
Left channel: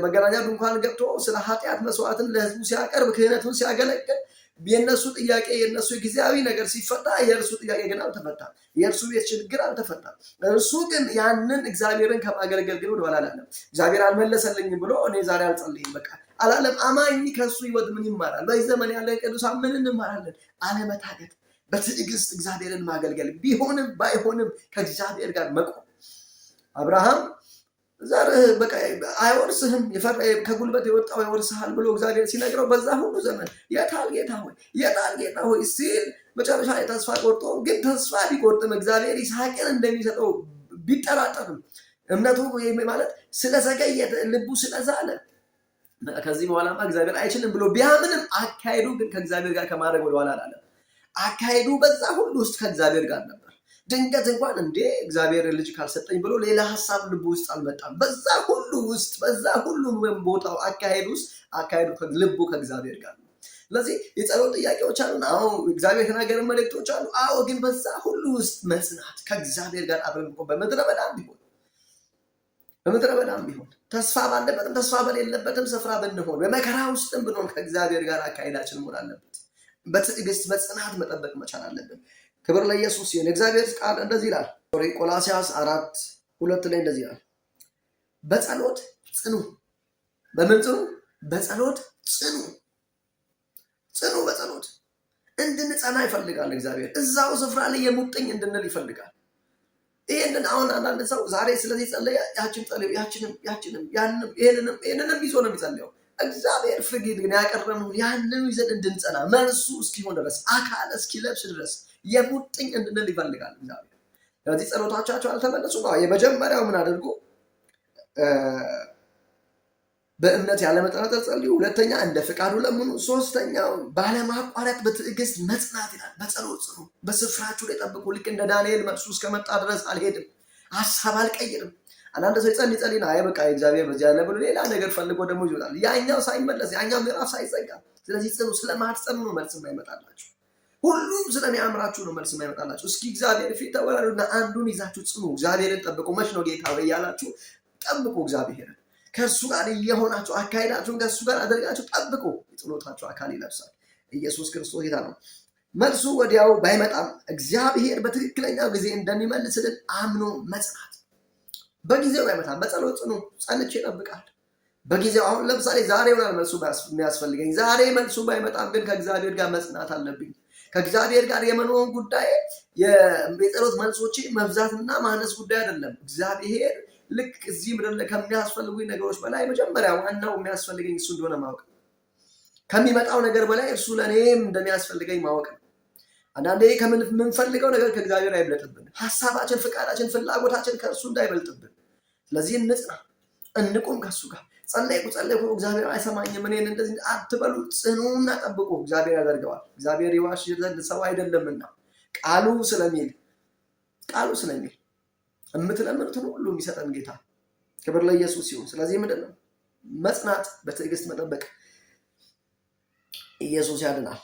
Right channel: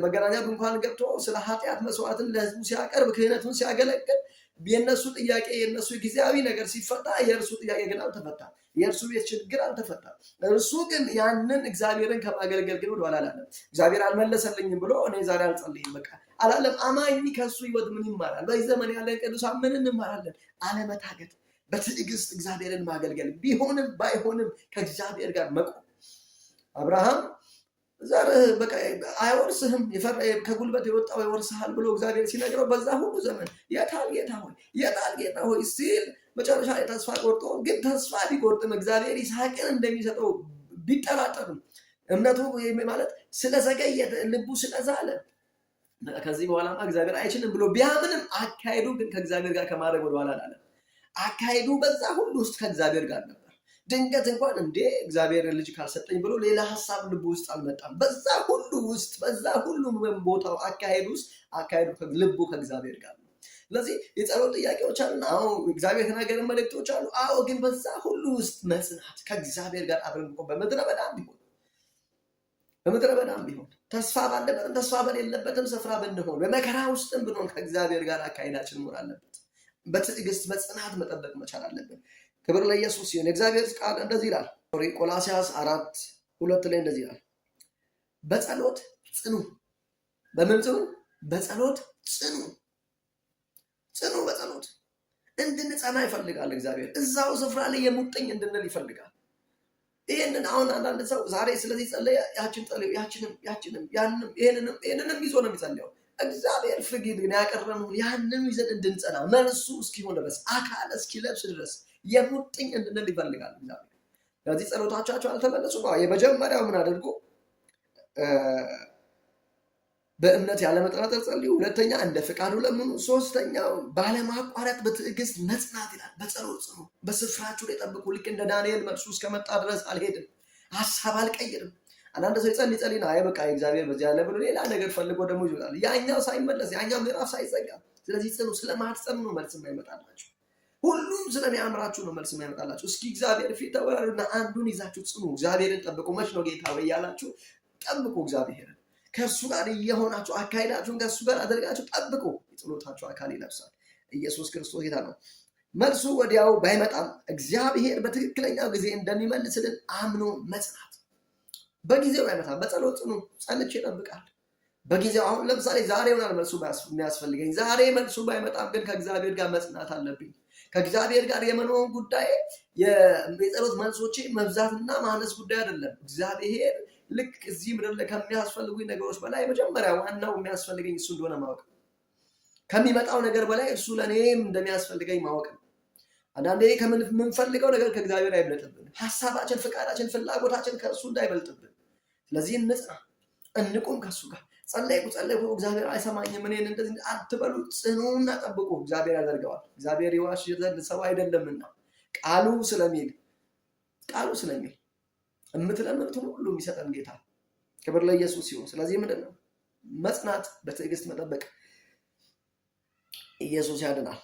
መገናኛ ድንኳን ገብቶ ስለ ኃጢአት መስዋዕትን ለህዝቡ ሲያቀርብ ክህነቱን ሲያገለግል የእነሱ ጥያቄ የእነሱ ጊዜያዊ ነገር ሲፈታ የእርሱ ጥያቄ ግን አልተፈታም። የእርሱ ቤት ችግር አልተፈታም። እርሱ ግን ያንን እግዚአብሔርን ከማገልገል ግን ወደኋላ አላለም። እግዚአብሔር አልመለሰልኝም ብሎ እኔ ዛሬ አልጸልይም በቃ አላለም። አማኝ ከእሱ ህይወት ምን ይማራል? በዚህ ዘመን ያለ ቅዱሳን ምን እንማራለን? አለመታገት፣ በትዕግስት እግዚአብሔርን ማገልገል፣ ቢሆንም ባይሆንም ከእግዚአብሔር ጋር መቆም። አብርሃም ዘርህ በቃ አይወርስህም ከጉልበት የወጣው ይወርስሃል ብሎ እግዚአብሔር ሲነግረው በዛ ሁሉ ዘመን የታል ጌታ ሆይ ሲል መጨረሻ ላይ ተስፋ ቆርጦ፣ ግን ተስፋ ቢቆርጥም እግዚአብሔር ይስሐቅን እንደሚሰጠው ቢጠራጠርም እምነቱ ማለት ስለዘገየ ልቡ ስለዛለ ከዚህ በኋላማ እግዚአብሔር አይችልም ብሎ ቢያምንም አካሄዱ ግን ከእግዚአብሔር ጋር ከማድረግ ወደኋላ አላለም። አካሄዱ በዛ ሁሉ ውስጥ ከእግዚአብሔር ጋር ነበር። ድንገት እንኳን እንዴ እግዚአብሔር ልጅ ካልሰጠኝ ብሎ ሌላ ሀሳብ ልቡ ውስጥ አልመጣም። በዛ ሁሉ ውስጥ በዛ ሁሉ ቦታው አካሄዱ ልቡ ከእግዚአብሔር ጋር ነው። ስለዚህ የጸሎት ጥያቄዎች አሉን። አዎ እግዚአብሔር የተናገረን መልእክቶች አሉ። አዎ ግን በዛ ሁሉ ውስጥ መጽናት ከእግዚአብሔር ጋር አብረን በምድረ በዳም ቢሆን ተስፋ ባለበትም ተስፋ በሌለበትም ስፍራ ብንሆን በመከራ ውስጥም ብንሆን ከእግዚአብሔር ጋር አካሄዳችን መሆን አለበት። በትዕግስት በጽናት መጠበቅ መቻል አለብን። ክብር ለኢየሱስ ይሁን። የእግዚአብሔር ቃል እንደዚህ ይላል። ቆላስይስ 4:2 ላይ እንደዚህ ይላል፣ በጸሎት ጽኑ። በምን ጽኑ? በጸሎት ጽኑ። በጸሎት እንድንጸና ይፈልጋል እግዚአብሔር። እዛው ስፍራ ላይ የሙጥኝ እንድንል ይፈልጋል። ይሄንን አሁን አንዳንድ ሰው ዛሬ ስለዚህ ጸለየ፣ ያችን ጸለየ፣ ያችንም ይሄንንም ይዞ ነው የሚጸልየው። እግዚአብሔር ፍርጊድ ግን ያቀረብነው ያንን ይዘን እንድንጸና መልሱ እስኪሆን ድረስ አካል እስኪለብስ ድረስ የሙጥኝ እንድንል ይፈልጋል እግዚአብሔር። ስለዚህ ጸሎታቸው አልተመለሱም። የመጀመሪያው ምን አድርጎ በእምነት ያለመጠራጠር ጸልዩ። ሁለተኛ እንደ ፍቃዱ ለምኑ። ሶስተኛው ባለማቋረጥ በትዕግስት መጽናት ይላል። በጸሎት ጽኑ፣ በስፍራችሁ ላይ ጠብቁ። ልክ እንደ ዳንኤል መልሱ እስከመጣ ድረስ አልሄድም፣ ሀሳብ አልቀይርም። አንዳንድ ሰው ይጸልይና አይ በቃ እግዚአብሔር በዚህ ያለ ብሎ ሌላ ነገር ፈልጎ ደግሞ ይወጣል። ያኛው ሳይመለስ ያኛው ምዕራፍ ሳይዘጋ። ስለዚህ ጽኑ። ስለማትጸኑ ነው መልስ የማይመጣላችሁ። ሁሉም ስለሚያምራችሁ ነው መልስ የማይመጣላችሁ። እስኪ እግዚአብሔር ፊት ተወራሩና አንዱን ይዛችሁ ጽኑ። እግዚአብሔርን ጠብቁ። መች ነው ጌታ ወይ ያላችሁ ጠብቁ። እግዚአብሔርን ከእሱ ጋር እየሆናችሁ አካሄዳችሁን ከእሱ ጋር አድርጋችሁ ጠብቁ። የጸሎታችሁ አካል ይለብሳል። ኢየሱስ ክርስቶስ ጌታ ነው። መልሱ ወዲያው ባይመጣም እግዚአብሔር በትክክለኛው ጊዜ እንደሚመልስልን አምኖ መጽናት። በጊዜው ባይመጣም በጸሎት ጽኑ። ጸልቼ እጠብቃለሁ። በጊዜው አሁን ለምሳሌ ዛሬ ይሆናል መልሱ የሚያስፈልገኝ። ዛሬ መልሱ ባይመጣም ግን ከእግዚአብሔር ጋር መጽናት አለብኝ። ከእግዚአብሔር ጋር የመኖር ጉዳይ የጸሎት መልሶቼ መብዛትና ማነስ ጉዳይ አይደለም። እግዚአብሔር ልክ እዚህ ምድር ላይ ከሚያስፈልጉኝ ነገሮች በላይ መጀመሪያ ዋናው የሚያስፈልገኝ እሱ እንደሆነ ማወቅ፣ ከሚመጣው ነገር በላይ እርሱ ለእኔም እንደሚያስፈልገኝ ማወቅ ነው። አንዳንዴ ከምንፈልገው ነገር ከእግዚአብሔር አይበልጥብን። ሀሳባችን፣ ፍቃዳችን፣ ፍላጎታችን ከእርሱ እንዳይበልጥብን። ስለዚህ እንጽና፣ እንቁም ከእሱ ጋር። ጸለይኩ እግዚአብሔር አይሰማኝም እኔን እንደዚህ አትበሉ። ጽኑና ጠብቁ። እግዚአብሔር ያደርገዋል። እግዚአብሔር ይዋሽ ዘንድ ሰው አይደለምና ቃሉ ስለሚል የምትለምኑትን ሁሉ የሚሰጠን ጌታ። ክብር ለኢየሱስ ይሁን። ስለዚህ ምንድን ነው መጽናት፣ በትዕግስት መጠበቅ። ኢየሱስ ያድናል።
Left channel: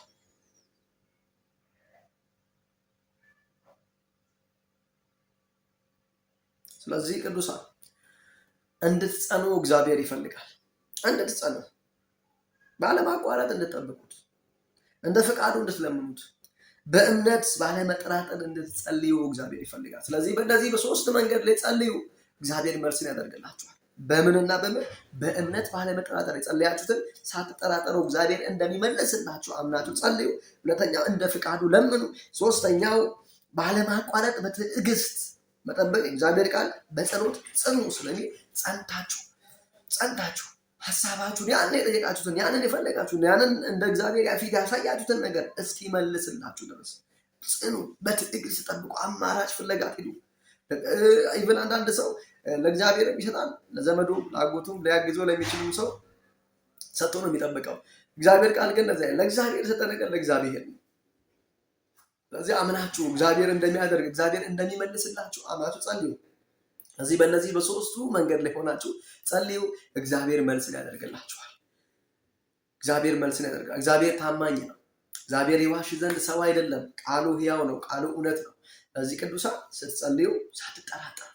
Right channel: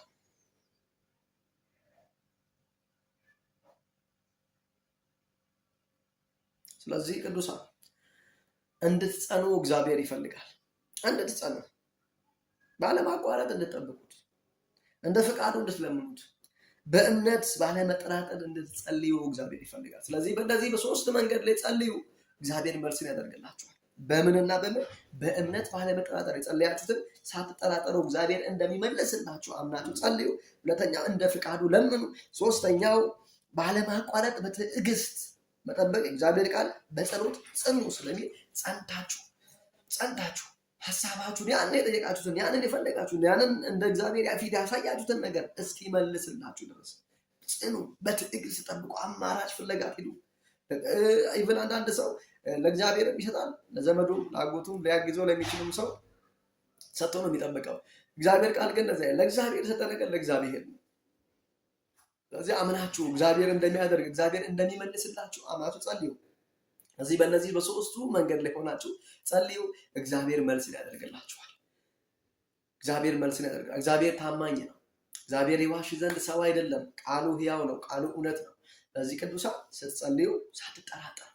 ስለዚህ ቅዱሳን እንድትጸኑ እግዚአብሔር ይፈልጋል። እንድትጸኑ ባለማቋረጥ እንድትጠብቁት፣ እንደ ፍቃዱ እንድትለምኑት፣ በእምነት ባለመጠራጠር እንድትጸልዩ እግዚአብሔር ይፈልጋል። ስለዚህ በእነዚህ በሶስት መንገድ ላይ ጸልዩ። እግዚአብሔር መልስን ያደርግላችኋል። በምንና በእምነት ባለመጠራጠር የጸለያችሁትን ሳትጠራጠሩ እግዚአብሔር እንደሚመልስላችሁ አምናችሁ ጸልዩ። ሁለተኛው እንደ ፍቃዱ ለምኑ። ሶስተኛው ባለማቋረጥ በትዕግስት መጠበቅ። እግዚአብሔር ቃል በጸሎት ጽኑ ስለሚል ጸንታችሁ ሐሳባችሁን ያን የጠየቃችሁትን ያንን የፈለጋችሁትን ያንን እንደ እግዚአብሔር ፊት ያሳያችሁትን ነገር እስኪመልስላችሁ ድረስ ጽኑ፣ በትዕግስት ጠብቁ። አማራጭ ፍለጋ ሂዱ። ኢቭን አንዳንድ ሰው ለእግዚአብሔር ይሰጣል፣ ለዘመዱ ለአጎቱም ሊያግዘው ለሚችልም ሰው ሰጥቶ ነው የሚጠብቀው። እግዚአብሔር ቃል ግን ለእግዚአብሔር የሰጠ ነገር ለእግዚአብሔር ነው። ስለዚህ አምናችሁ እግዚአብሔር እንደሚያደርግ እግዚአብሔር እንደሚመልስላችሁ አምናችሁ ጸልዩ። እዚህ በእነዚህ በሶስቱ መንገድ ላይ ሆናችሁ ጸልዩ። እግዚአብሔር መልስን ያደርግላችኋል። እግዚአብሔር መልስን ያደርጋል። እግዚአብሔር ታማኝ ነው። እግዚአብሔር ይዋሽ ዘንድ ሰው አይደለም። ቃሉ ሕያው ነው። ቃሉ እውነት ነው። ለዚህ ቅዱሳን ስትጸልዩ ሳትጠራጠሩ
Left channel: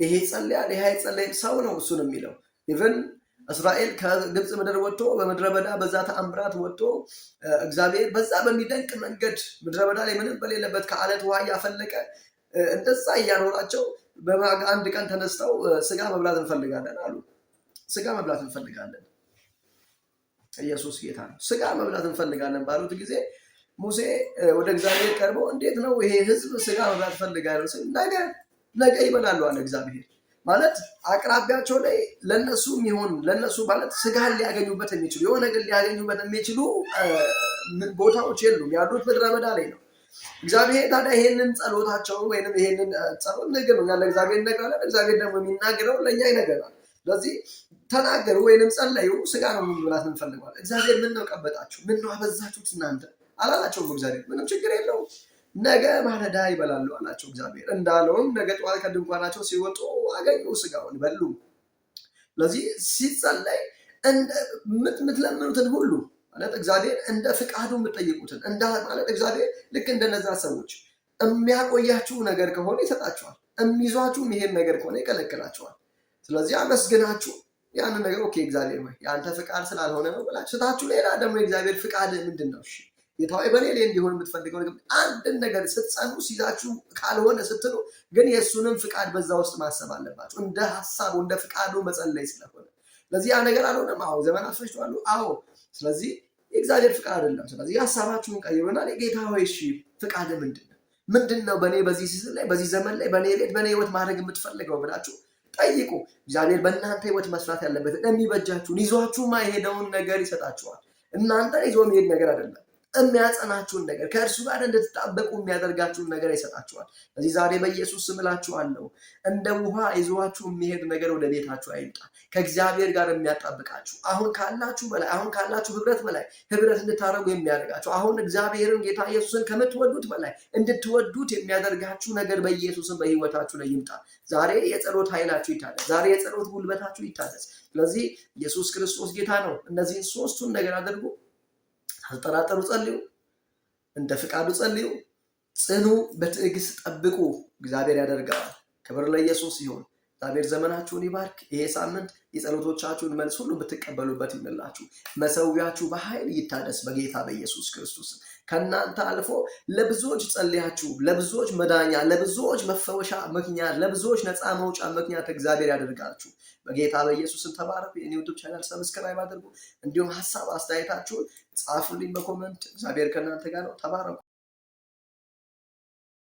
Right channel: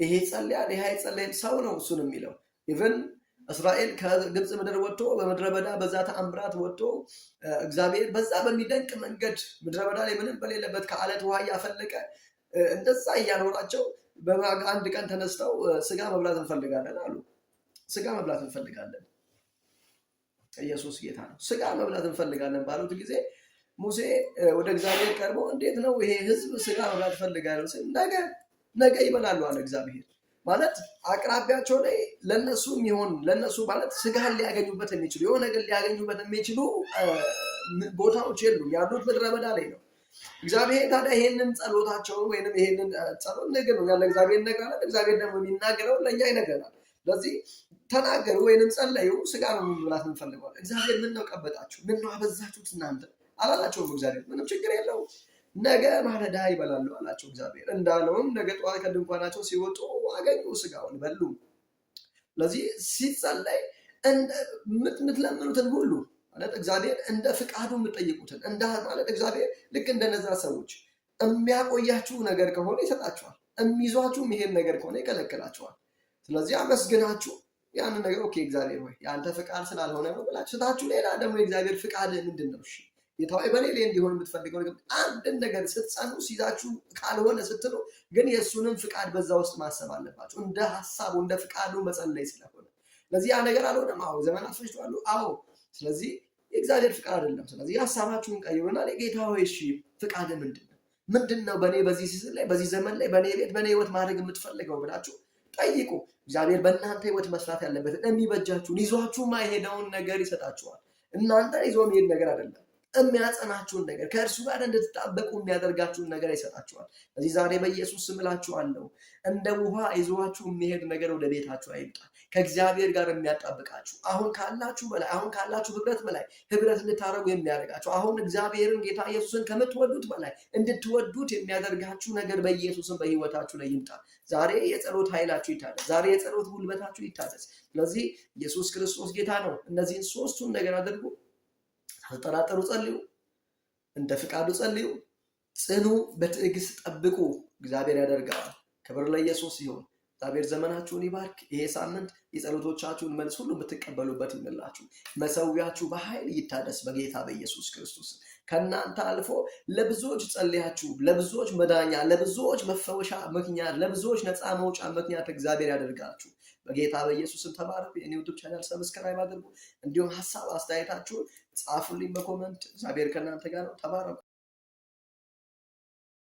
ይሄ ጸልያል ይሄ አይጸልይም ሰው ነው እሱን የሚለው። ኢቭን እስራኤል ከግብፅ ምድር ወጥቶ በምድረ በዳ በዛ ተአምራት ወጥቶ እግዚአብሔር በዛ በሚደንቅ መንገድ ምድረ በዳ ላይ ምንም በሌለበት ከአለት ውሃ እያፈለቀ እንደዛ እያኖራቸው በአንድ ቀን ተነስተው ስጋ መብላት እንፈልጋለን አሉ። ስጋ መብላት እንፈልጋለን፣ ኢየሱስ ጌታ ነው። ስጋ መብላት እንፈልጋለን ባሉት ጊዜ ሙሴ ወደ እግዚአብሔር ቀርቦ እንዴት ነው ይሄ ህዝብ ስጋ መብላት ፈልጋለሁ ሲል ነገ ይበላሉ አለ እግዚአብሔር። ማለት አቅራቢያቸው ላይ ለነሱ የሚሆን ለነሱ ማለት ስጋን ሊያገኙበት የሚችሉ የሆነ ነገር ሊያገኙበት የሚችሉ ቦታዎች የሉም፣ ያሉት ምድረ በዳ ላይ ነው። እግዚአብሔር ታዲያ ይሄንን ጸሎታቸው ወይንም ይሄንን ጸሎት ነገር ነው ያለ እግዚአብሔር ነገር አለ። እግዚአብሔር ደግሞ የሚናገረው ለኛ ይነገራል። ስለዚህ ተናገሩ ወይንም ጸለዩ፣ ስጋ ነው መብላት እንፈልጋለን። እግዚአብሔር ምን ነው ቀበጣችሁ? ምን ነው አበዛችሁት እናንተ አላላቸውም። እግዚአብሔር ምንም ችግር የለውም ነገ ማለዳ ይበላሉ አላቸው። እግዚአብሔር እንዳለውም ነገ ጠዋት ከድንኳናቸው ሲወጡ አገኙ፣ ስጋውን በሉ። ስለዚህ ሲጸለይ የምትለምኑትን ሁሉ ማለት እግዚአብሔር እንደ ፍቃዱ የምትጠይቁትን ማለት እግዚአብሔር ልክ እንደነዛ ሰዎች የሚያቆያችሁ ነገር ከሆነ ይሰጣችኋል፣ የሚይዟችሁ ይሄን ነገር ከሆነ ይከለክላችኋል። ስለዚህ አመስግናችሁ ያንን ነገር ኦኬ እግዚአብሔር ወይ ያንተ ፍቃድ ስላልሆነ ነው ብላችሁ ስታችሁ ሌላ ደግሞ የእግዚአብሔር ፍቃድ ምንድን ነው? እሺ ጌታዬ በኔ ላይ እንዲሆን የምትፈልገው ነገር አንድን ነገር ስትጸኑ ሲዛችሁ ካልሆነ ስትሉ ግን የእሱንም ፍቃድ በዛ ውስጥ ማሰብ አለባችሁ። እንደ ሀሳቡ እንደ ፍቃዱ መጸለይ ስለሆነ ስለዚህ ያ ነገር አልሆነም። አዎ ዘመናት ፈጅቷል። አዎ ስለዚህ የእግዚአብሔር ፍቃድ አይደለም። ስለዚህ ሀሳባችሁን ቀይሩና ጌታ ሆይ እሺ ፍቃድ ምንድን ነው በኔ በዚህ ሲዝን ላይ በዚህ ዘመን ላይ በኔ ቤት በኔ ህይወት ማድረግ የምትፈልገው ብላችሁ ጠይቁ። እግዚአብሔር በእናንተ ህይወት መስራት ያለበትን የሚበጃችሁን ይዟችሁ ማይሄደውን ነገር ይሰጣችኋል። እናንተን ይዞ የሚሄድ ነገር አይደለም፣ የሚያጸናችሁን ነገር ከእርሱ ጋር እንድትጣበቁ የሚያደርጋችሁን ነገር ይሰጣችኋል። ስለዚህ ዛሬ በኢየሱስ ስም እላችኋለሁ እንደ ውሃ ይዟችሁ የሚሄድ ነገር ወደ ቤታችሁ አይምጣ። ከእግዚአብሔር ጋር የሚያጣብቃችሁ አሁን ካላችሁ በላይ አሁን ካላችሁ ህብረት በላይ ህብረት እንድታደርጉ የሚያደርጋችሁ አሁን እግዚአብሔርን ጌታ ኢየሱስን ከምትወዱት በላይ እንድትወዱት የሚያደርጋችሁ ነገር በኢየሱስም በህይወታችሁ ላይ ይምጣ። ዛሬ የጸሎት ኃይላችሁ ይታደስ። ዛሬ የጸሎት ጉልበታችሁ ይታደስ። ስለዚህ ኢየሱስ ክርስቶስ ጌታ ነው። እነዚህን ሶስቱን ነገር አድርጉ። ሳትጠራጠሩ ጸልዩ፣ እንደ ፍቃዱ ጸልዩ፣ ጽኑ፣ በትዕግስት ጠብቁ። እግዚአብሔር ያደርገዋል። ክብር ለኢየሱስ ይሁን። እግዚአብሔር ዘመናችሁን ይባርክ። ይሄ ሳምንት የጸሎቶቻችሁን መልስ ሁሉ የምትቀበሉበት ይሁንላችሁ። መሰዊያችሁ በኃይል ይታደስ በጌታ በኢየሱስ ክርስቶስ። ከእናንተ አልፎ ለብዙዎች ጸልያችሁ ለብዙዎች መዳኛ፣ ለብዙዎች መፈወሻ ምክንያት፣ ለብዙዎች ነፃ መውጫ ምክንያት እግዚአብሔር ያደርጋችሁ በጌታ በኢየሱስን። ተባረኩ። የኔ ዩቲዩብ ቻናል ሰብስክራይብ አድርጉ። እንዲሁም ሀሳብ አስተያየታችሁን ጻፉልኝ በኮመንት። እግዚአብሔር ከእናንተ ጋር ነው። ተባረኩ።